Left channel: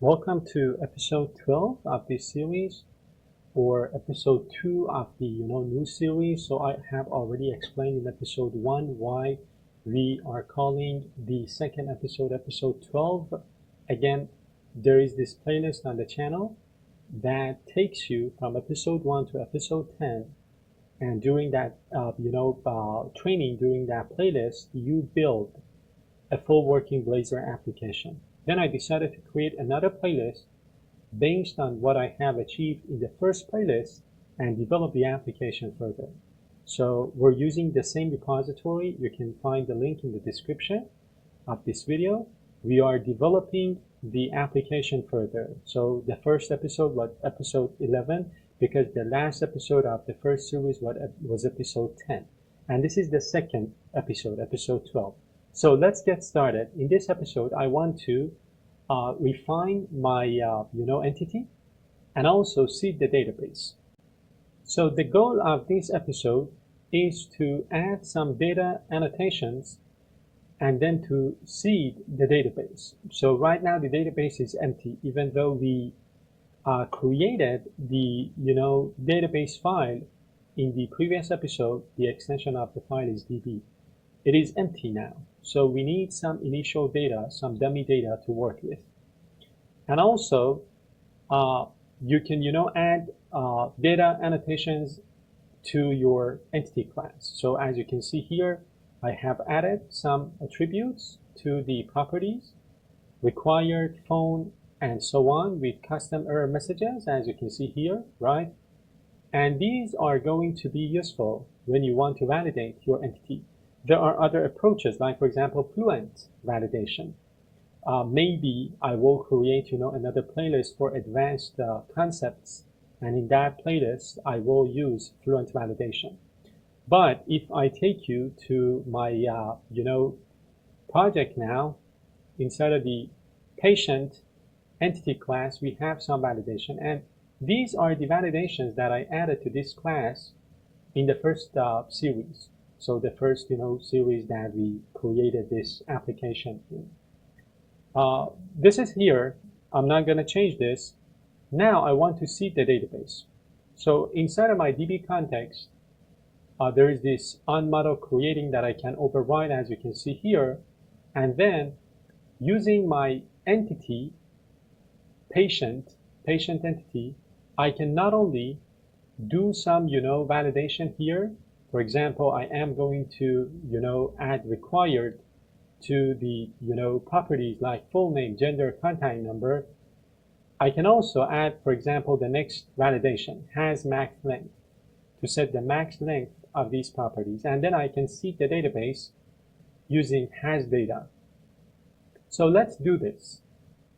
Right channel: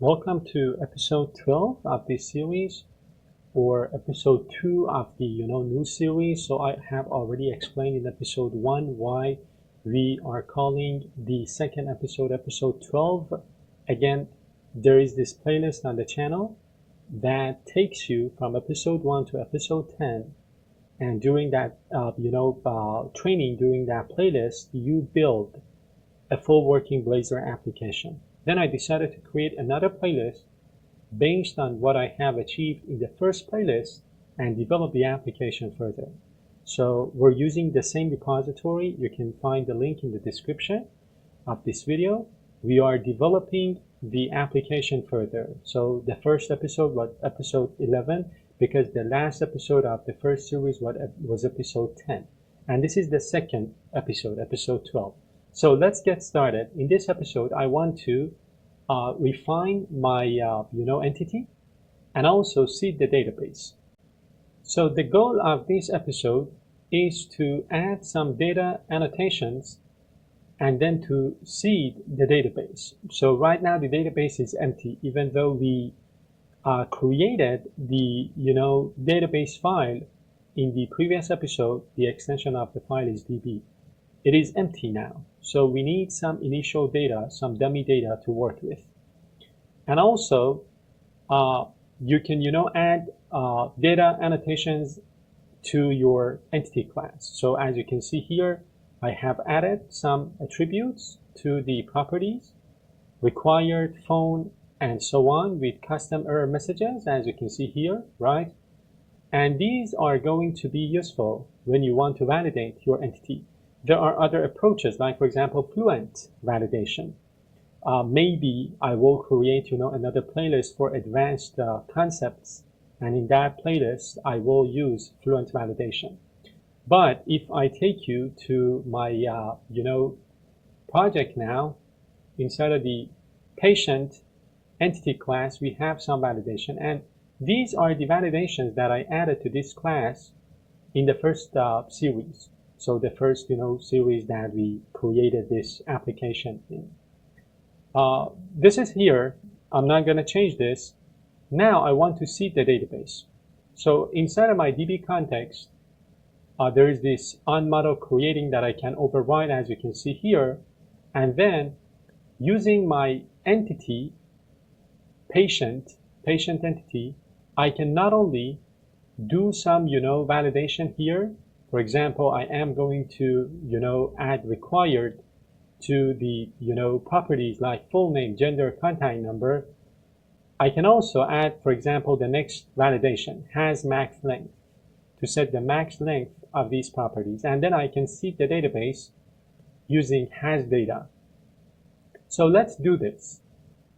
Welcome to episode 12 of this series, or episode 2 of the new series. So I have already explained in episode 1 why we are calling the second episode episode 12. Again, there is this playlist on the channel that takes you from episode 1 to episode 10, and during that training, during that playlist, you build a full working Blazor application. Then I decided to create another playlist based on what I have achieved in the first playlist and develop the application further. So we're using the same repository. You can find the link in the description of this video. We are developing the application further. So the first episode was episode 11 because the last episode of the first series was episode 10. And this is the second episode, episode 12. So let's get started. In this episode, I want to refine my entity and also seed the database. So the goal of this episode is to add some data annotations and then to seed the database. So right now the database is empty, even though we created the database file in the previous episode. The extension of the file is db. It is empty now. So we need some initial data, some dummy data to work with. And also, you can add data annotations to your entity class. So as you can see here, I have added some attributes to the properties, required, phone, and so on, with custom error messages, as you can see here, right? And these are going to be useful when you want to validate your entity. There are other approaches, like for example, fluent validation. Maybe I will create another playlist for advanced concepts, and in that playlist I will use fluent validation. But if I take you to my project now, inside of the patient entity class, we have some validation, and these are the validations that I added to this class in the first series. So the first series that we created this application in. This is here. I'm not going to change this. Now I want to seed the database. So inside of my DB context, there is this onModel creating that I can override, as you can see here. And then using my entity, patient entity, I can not only do some validation here. For example, I am going to add required to the properties like full name, gender, contact number. I can also add, for example, the next validation, has max length, to set the max length of these properties. And then I can seed the database using has data. So let's do this.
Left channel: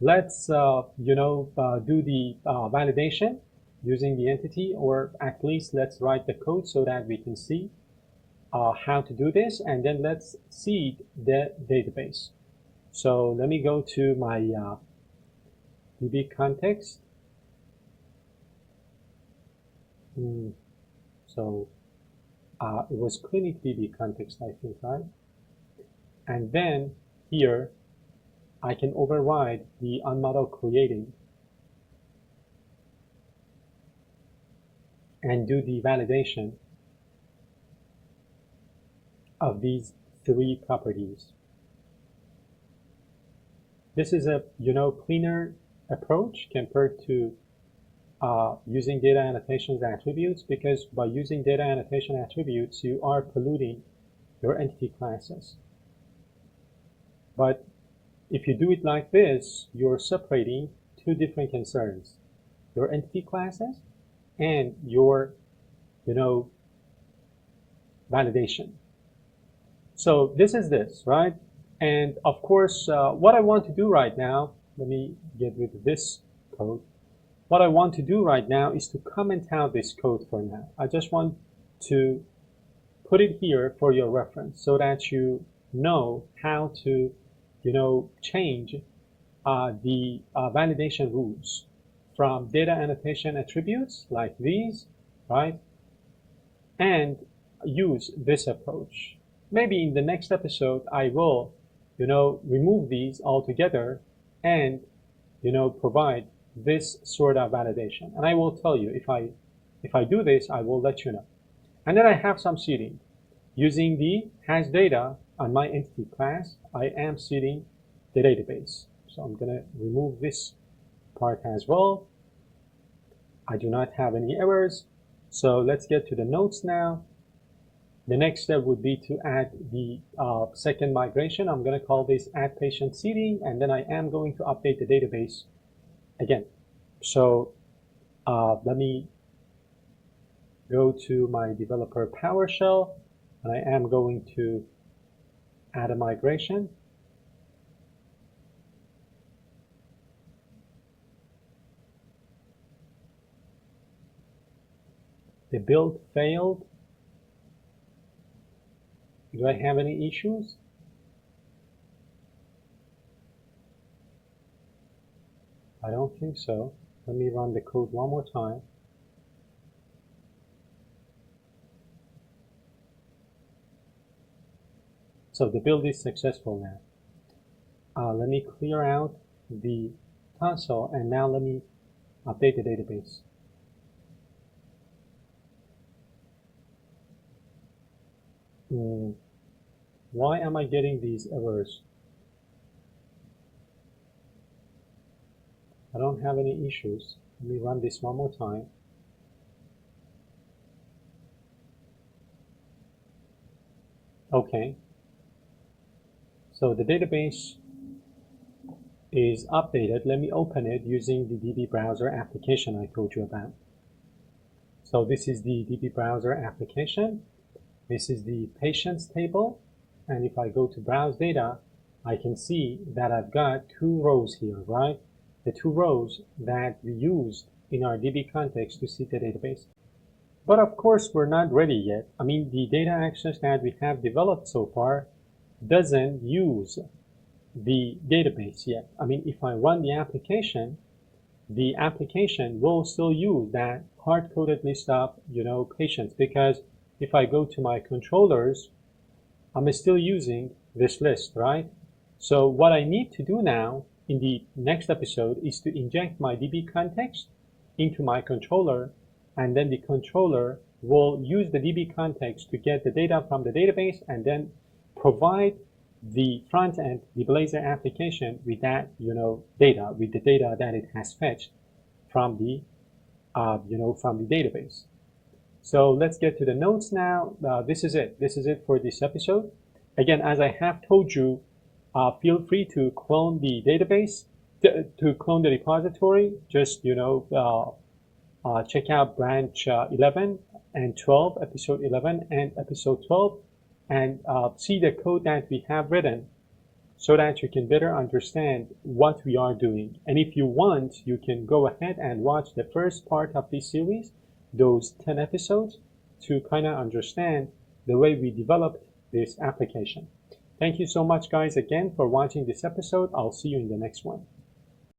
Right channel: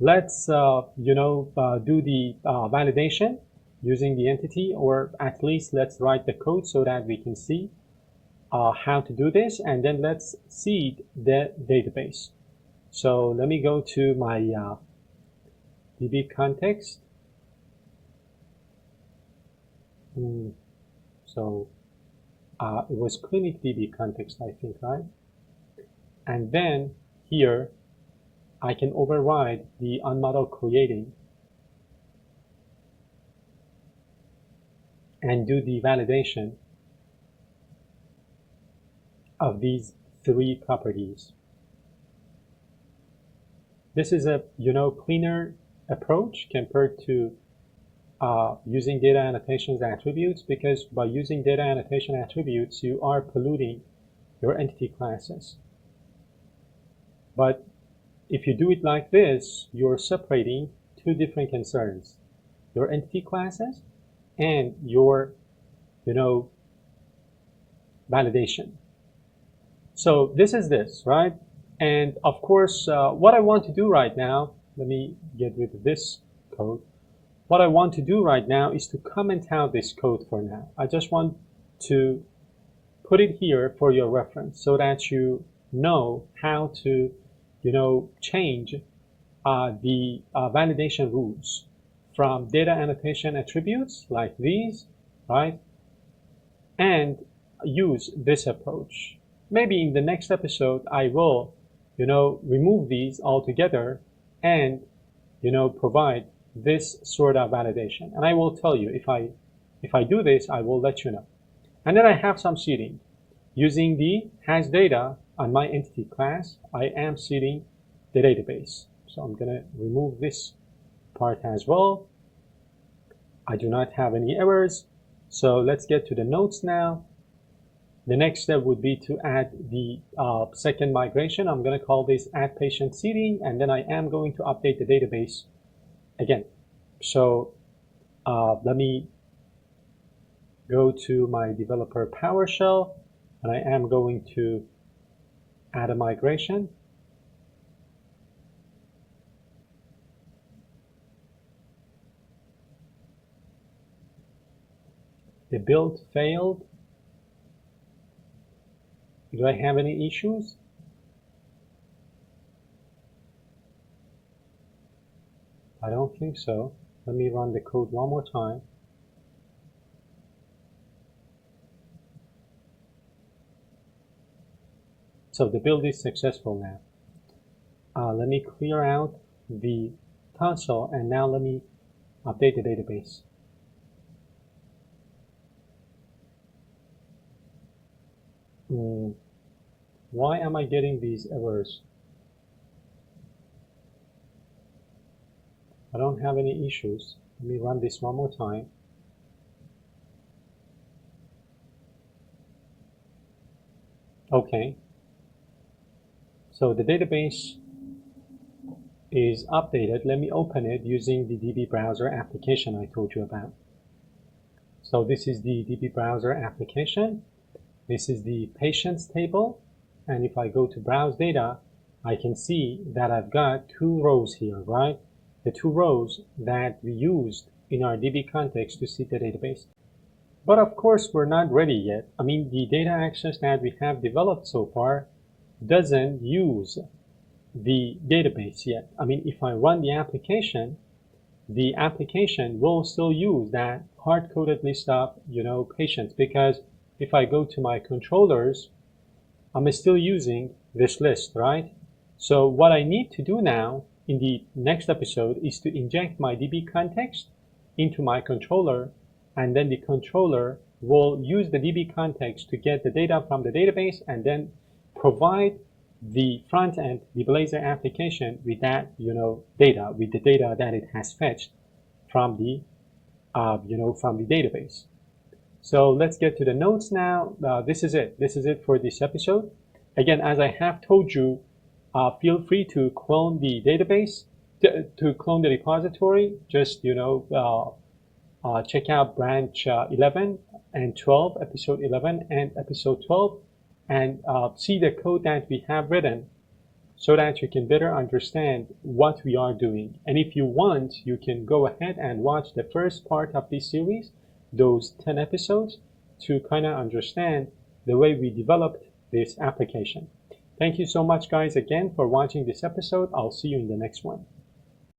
Let's do the validation using the entity, or at least let's write the code so that we can see how to do this, and then let's seed the database. So let me go to my DB context. So it was clinic DB context, I think, right? And then here I can override the onModel creating and do the validation of these three properties. This is a cleaner approach compared to using data annotations attributes, because by using data annotation attributes you are polluting your entity classes. But if you do it like this, you're separating two different concerns: your entity classes and your validation. So this is this, right? And of course, what I want to do right now, let me get rid of this code. What I want to do right now is to comment out this code for now. I just want to put it here for your reference so that you know how to change the validation rules from data annotation attributes like these, right? And use this approach. Maybe in the next episode I will remove these altogether and provide this sort of validation. And I will tell you, if I do this, I will let you know. And then I have some seeding. Using the has data on my entity class, I am seeding the database. So I'm going to remove this part as well. I do not have any errors. So let's get to the notes now. The next step would be to add the second migration. I'm going to call this add patient seeding, and then I am going to update the database again. So let me go to my developer PowerShell, and I am going to add a migration. The build failed. Do I have any issues? I don't think so. Let me run the code one more time. So the build is successful now. Let me clear out the console, and now let me update the database. Why am I getting these errors? I don't have any issues. Let me run this one more time. Okay. So the database is updated. Let me open it using the DB browser application I told you about. So this is the DB browser application. This is the patients table. And if I go to browse data, I can see that I've got two rows here, right? The two rows that we used in our DB context to see the database. But of course, we're not ready yet. I mean, the data access that we have developed so far doesn't use the database yet. I mean, if I run the application will still use that hard-coded list of, patients, because if I go to my controllers, I'm still using this list, right? So what I need to do now in the next episode is to inject my DB context into my controller, and then the controller will use the DB context to get the data from the database and then provide the front end, the Blazor application, with that, data, with the data that it has fetched from the, from the database. So let's get to the notes now. This is it. This is it for this episode. Again, as I have told you, feel free to clone the database, to clone the repository. Just, check out branch 11 and 12, episode 11 and episode 12, and see the code that we have written so that you can better understand what we are doing. And if you want, you can go ahead and watch the first part of this series, those 10 episodes, to kind of understand the way we developed this application. Thank you so much, guys, again for watching this episode. I'll see you in the next one.